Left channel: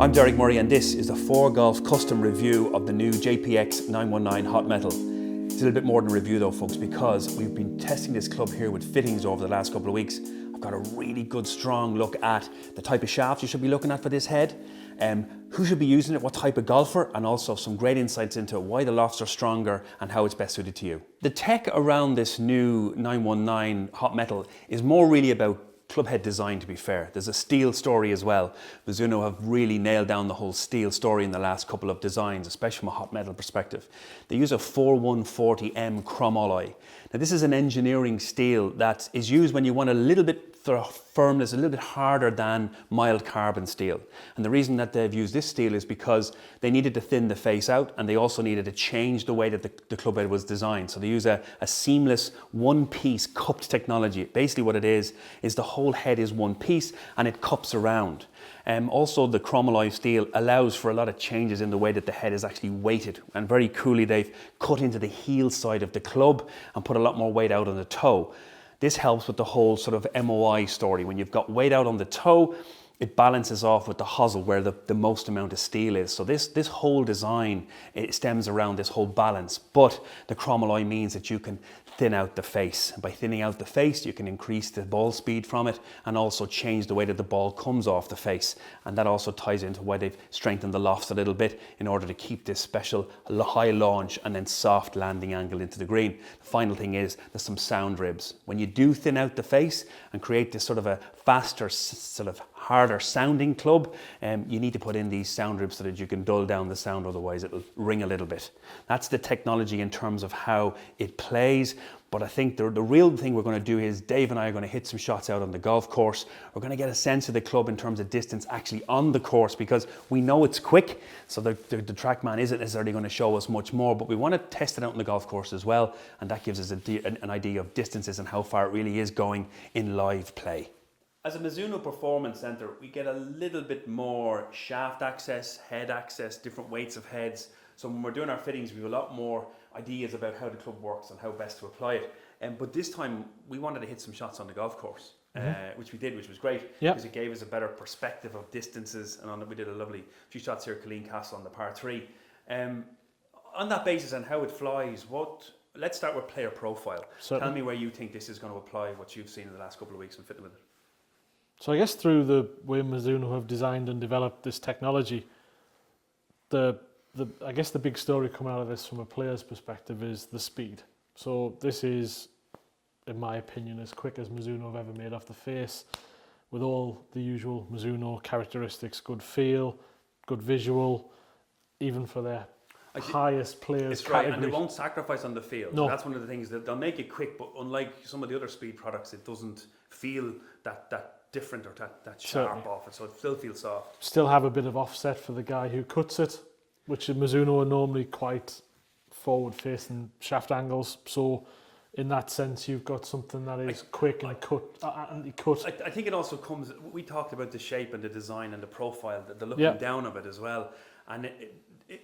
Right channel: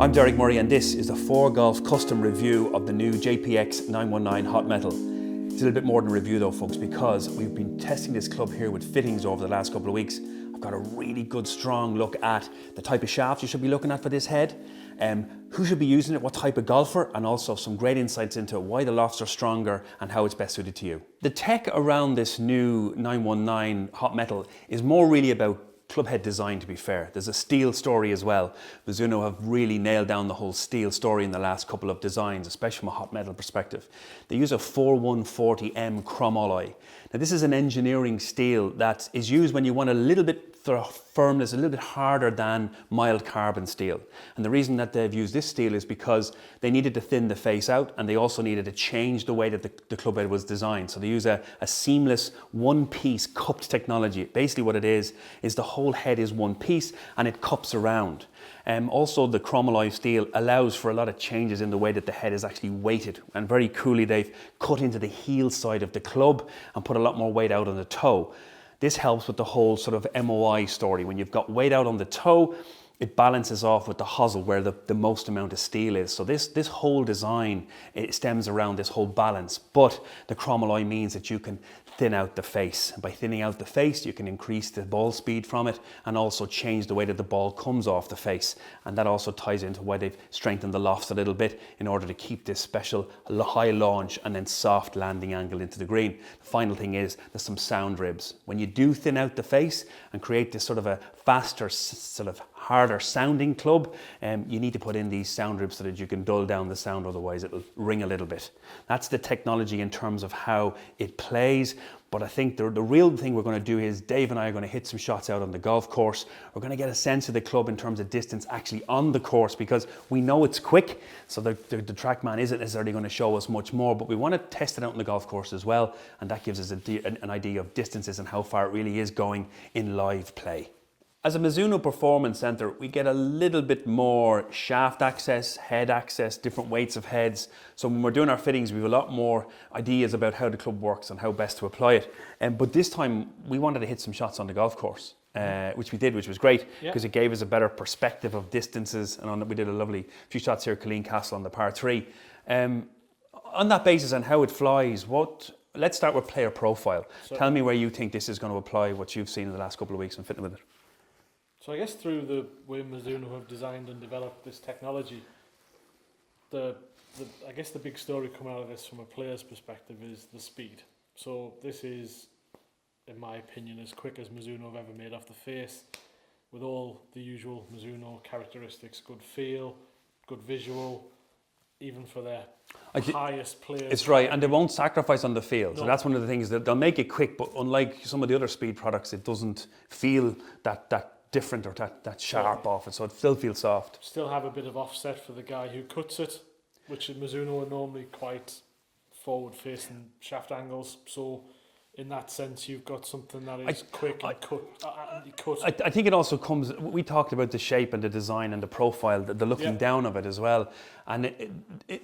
I'm Derek Murray and this is the 4Golf custom review of the new JPX 919 Hot Metal. It's a little bit more than a review though folks, because we've been testing this club here with fittings over the last couple of weeks. I've got a really good strong look at the type of shaft you should be looking at for this head, who should be using it, what type of golfer, and also some great insights into why the lofts are stronger and how it's best suited to you. The tech around this new 919 Hot Metal is more really about club head design, to be fair. There's a steel story as well. Mizuno have really nailed down the whole steel story in the last couple of designs, especially from a hot metal perspective. They use a 4140M chromalloy. Now this is an engineering steel that is used when you want a little bit firmness, a little bit harder than mild carbon steel. And the reason that they've used this steel is because they needed to thin the face out, and they also needed to change the way that the club head was designed. So they use a seamless one-piece cupped technology. Basically what it is the whole head is one piece and it cups around. Also the chromalloy steel allows for a lot of changes in the way that the head is actually weighted, and very coolly they've cut into the heel side of the club and put a lot more weight out on the toe. This helps with the whole sort of MOI story. When you've got weight out on the toe, it balances off with the hosel where the most amount of steel is. So this whole design, it stems around this whole balance, but the chromalloy means that you can thin out the face. And by thinning out the face, you can increase the ball speed from it and also change the way that the ball comes off the face. And that also ties into why they've strengthened the lofts a little bit in order to keep this special high launch and then soft landing angle into the green. The final thing is there's some sound ribs. When you do thin out the face and create this sort of a faster, sort of harder sounding club, you need to put in these sound ribs so that you can dull down the sound, otherwise it'll ring a little bit. That's the technology in terms of how it plays. But I think the real thing we're going to do is Dave and I are going to hit some shots out on the golf course. We're going to get a sense of the club in terms of distance actually on the course, because we know it's quick, so the TrackMan isn't necessarily going to show us much more, but we want to test it out on the golf course as well, and that gives us an idea of distances and how far it really is going in live play. As a Mizuno Performance Centre, we get a little bit more shaft access, head access, different weights of heads. So when we're doing our fittings, we have a lot more ideas about how the club works and how best to apply it. But this time, we wanted to hit some shots on the golf course, which we did, which was great, because it gave us a better perspective of distances. And we did a lovely few shots here at Killeen Castle on the par 3. On that basis and how it flies, let's start with player profile. Tell me where you think this is going to apply what you've seen in the last couple of weeks and fitting with it. So I guess through the way Mizuno have designed and developed this technology, I guess the big story coming out of this from a player's perspective is the speed. So this is, in my opinion, as quick as Mizuno have ever made off the face, with all the usual Mizuno characteristics: good feel, good visual, even for their highest players. It's right, and they won't sacrifice on the feel. No. So that's one of the things, that they'll make it quick, but unlike some of the other speed products, it doesn't feel that different or that sharp off it, so it still feels soft. Still have a bit of offset for the guy who cuts it, which Mizuno are normally quite forward-facing shaft angles. So in that sense, you've got something that is quick and cut. I think it also comes, we talked about the shape and the design and the profile, the looking down of it as well. And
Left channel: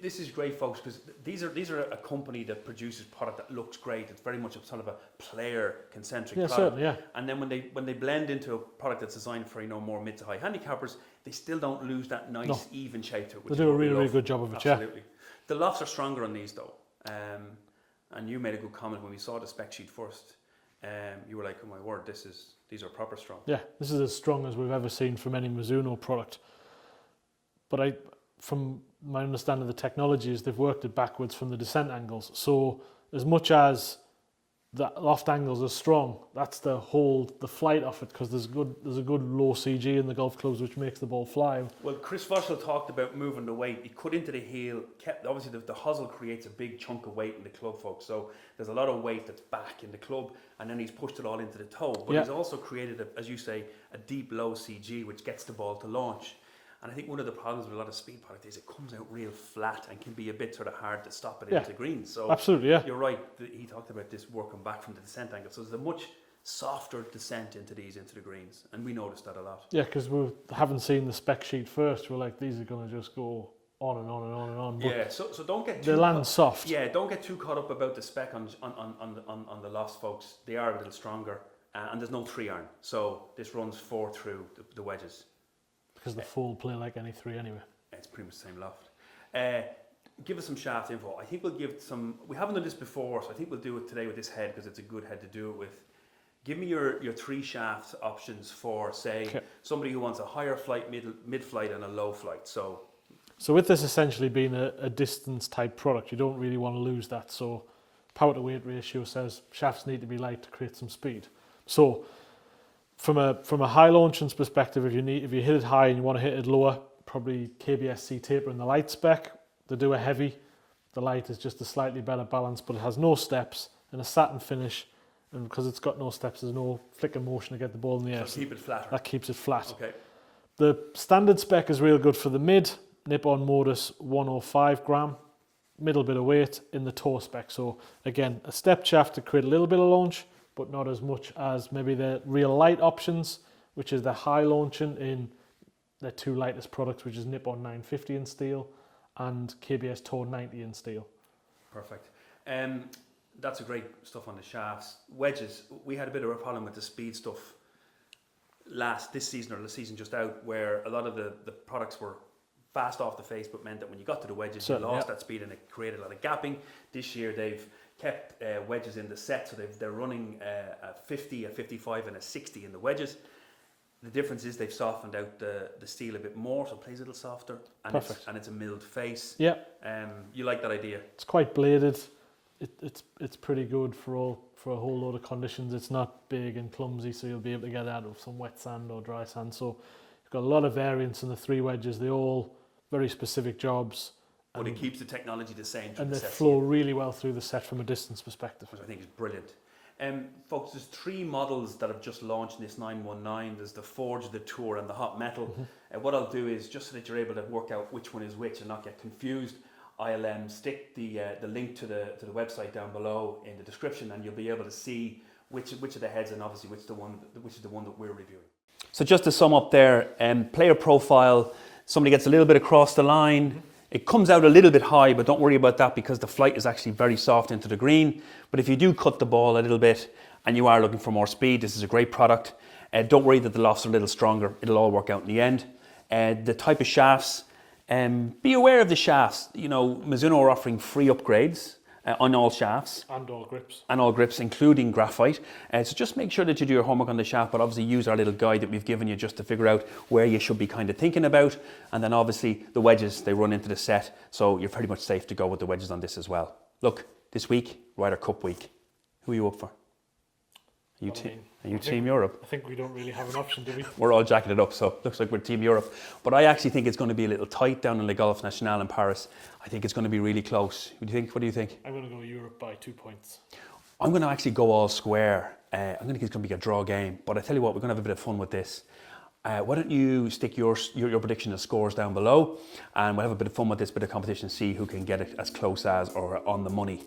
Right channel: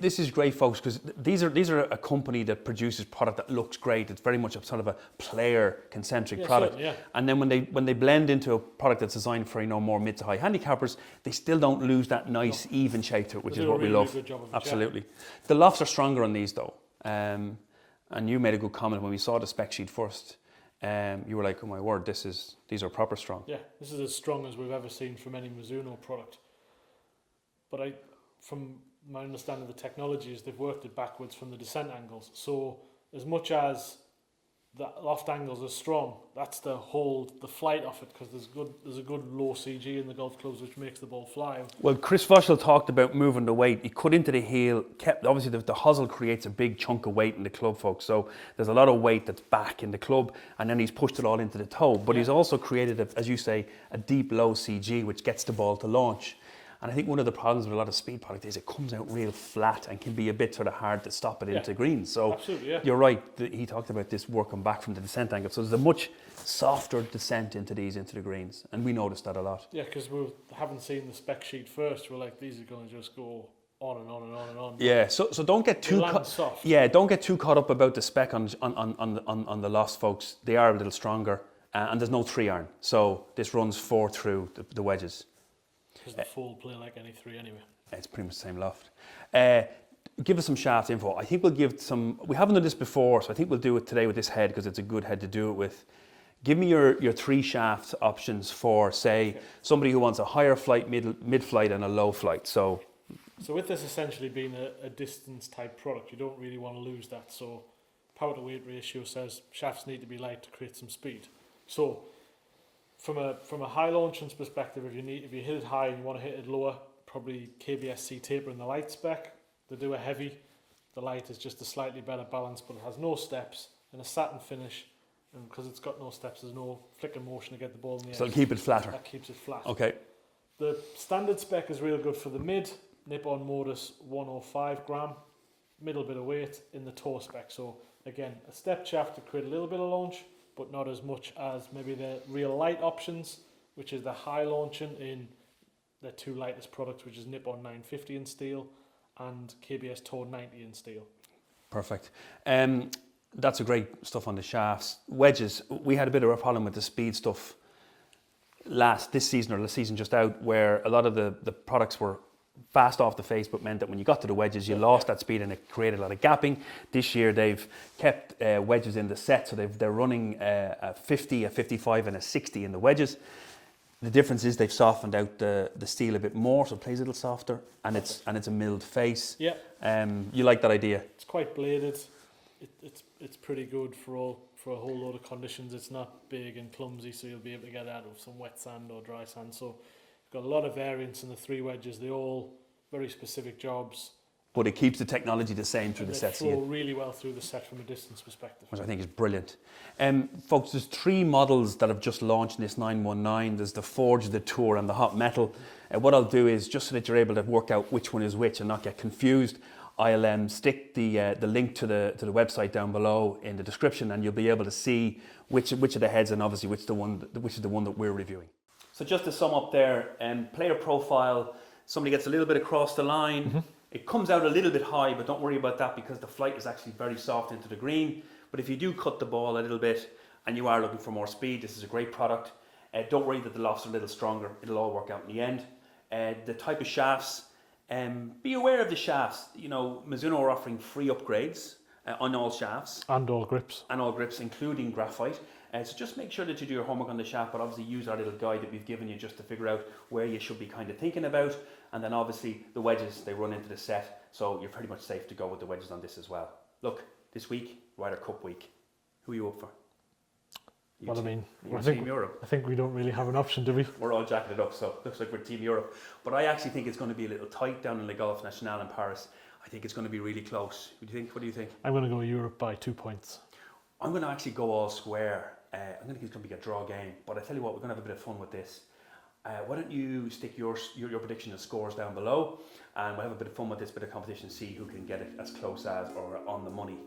this is great, folks, because these are a company that produces product that looks great. It's very much a sort of a player-concentric product. Certainly, and then when they blend into a product that's designed for more mid to high handicappers, they still don't lose that nice even shape to it, which is what we love. They do a really good job of it. Absolutely. The lofts are stronger on these though, and you made a good comment when we saw the spec sheet first. You were like, "Oh my word, these are proper strong." Yeah, this is as strong as we've ever seen from any Mizuno product. But from my understanding of the technology, is they've worked it backwards from the descent angles. So as much as the loft angles are strong, that's the flight of it, because there's a good low CG in the golf clubs, which makes the ball fly. Well, Chris Fussell talked about moving the weight. He cut into the heel, obviously the hosel creates a big chunk of weight in the club, folks. So there's a lot of weight that's back in the club, and then he's pushed it all into the toe. But he's also created, as you say, a deep low CG, which gets the ball to launch. And I think one of the problems with a lot of speed product is it comes out real flat and can be a bit sort of hard to stop it into green. So absolutely, you're right. He talked about this working back from the descent angle. So there's a much softer descent into the greens, and we noticed that a lot. Yeah, because we haven't seen the spec sheet first. We're like, these are going to just go on and on and on and on. Yeah, so don't get too soft. Yeah, don't get too caught up about the spec on the lofts, folks. They are a little stronger, and there's no 3-iron. So this runs 4 through the wedges. Because the full play like any 3 anyway. It's pretty much the same loft. Give us some shaft info. I think we'll give some, we haven't done this before, so I think we'll do it today with this head because it's a good head to do it with. Give me your 3 shaft options for, say, somebody who wants a higher flight, mid-flight and a low flight. So with this essentially being a distance type product, you don't really want to lose that. So power to weight ratio says shafts need to be light to create some speed. So from a high launching perspective, if you hit it high and you want to hit it lower, probably KBS C-taper in the light spec. They do a heavy. The light is just a slightly better balance, but it has no steps and a satin finish. And because it's got no steps, there's no flicking motion to get the ball in the air. So keep it flatter. That keeps it flat. Okay. The standard spec is real good for the mid. Nippon Modus 105 gram. Middle bit of weight in the toe spec. So again, a step shaft to create a little bit of launch, but not as much as maybe the real light options, which is the high launching in their 2 lightest products, which is Nippon 950 in steel and KBS Toe 90 in steel. Perfect. That's a great stuff on the shafts. Wedges, we had a bit of a problem with the speed stuff this season or the season just out, where a lot of the products were fast off the face, but meant that when you got to the wedges, you lost that speed and it created a lot of gapping. This year they've kept wedges in the set, so they're running a 50, a 55 and a 60 in the wedges. The difference is they've softened out the steel a bit more, so it plays a little softer, and it's a milled face. Yeah. You like that idea? It's quite bladed. It's pretty good for a whole load of conditions. It's not big and clumsy, so you'll be able to get out of some wet sand or dry sand. So you've got a lot of variance in the 3 wedges. They're all very specific jobs. But it keeps the technology the same through the set. And they flow really well through the set from a distance perspective. Which I think is brilliant. Folks, there's 3 models that have just launched in this 919. There's the Forge, the Tour and the Hot Metal. What I'll do is, just so that you're able to work out which one is which and not get confused, I'll stick the link to the website down below in the description, and you'll be able to see which of the heads and obviously which is the one that we're reviewing. So just to sum up there, player profile, somebody gets a little bit across the line. It comes out a little bit high, but don't worry about that because the flight is actually very soft into the green. But if you do cut the ball a little bit and you are looking for more speed, this is a great product. Don't worry that the lofts are a little stronger. It'll all work out in the end. The type of shafts, be aware of the shafts. You know, Mizuno are offering free upgrades on all shafts. And all grips. And all grips, including graphite. So just make sure that you do your homework on the shaft, but obviously use our little guide that we've given you just to figure out where you should be kind of thinking about. And then obviously the wedges, they run into the set, so you're pretty much safe to go with the wedges on this as well. Look, this week, Ryder Cup week. Who are you up for? Are you Team Europe? I think we don't really have an option, do we? We're all jacketed up, so it looks like we're Team Europe. But I actually think it's going to be a little tight down in Le Golf National in Paris. I think it's going to be really close. What do you think? I'm going to go Europe by 2 points. I'm going to actually go all square. I'm going to think it's going to be a draw game. But I tell you what, we're going to have a bit of fun with this. Why don't you stick your prediction of scores down below, and we'll have a bit of fun with this bit of competition, see who can get it as close as or on the money.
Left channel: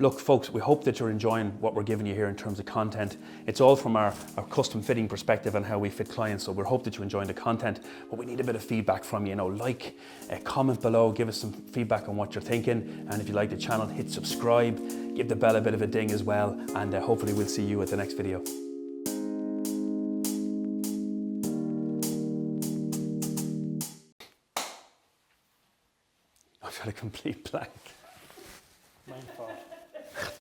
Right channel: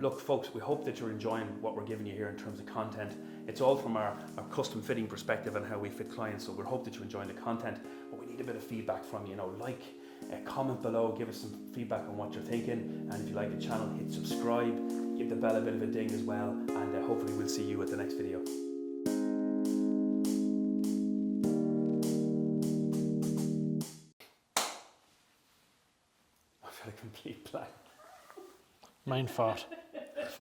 Look, folks, we hope that you're enjoying what we're giving you here in terms of content. It's all from our custom fitting perspective and how we fit clients, so we hope that you're enjoying the content, but we need a bit of feedback from you. Comment below, give us some feedback on what you're thinking, and if you like the channel, hit subscribe, give the bell a bit of a ding as well, and hopefully we'll see you at the next video. I've got a complete blank. Mind fart.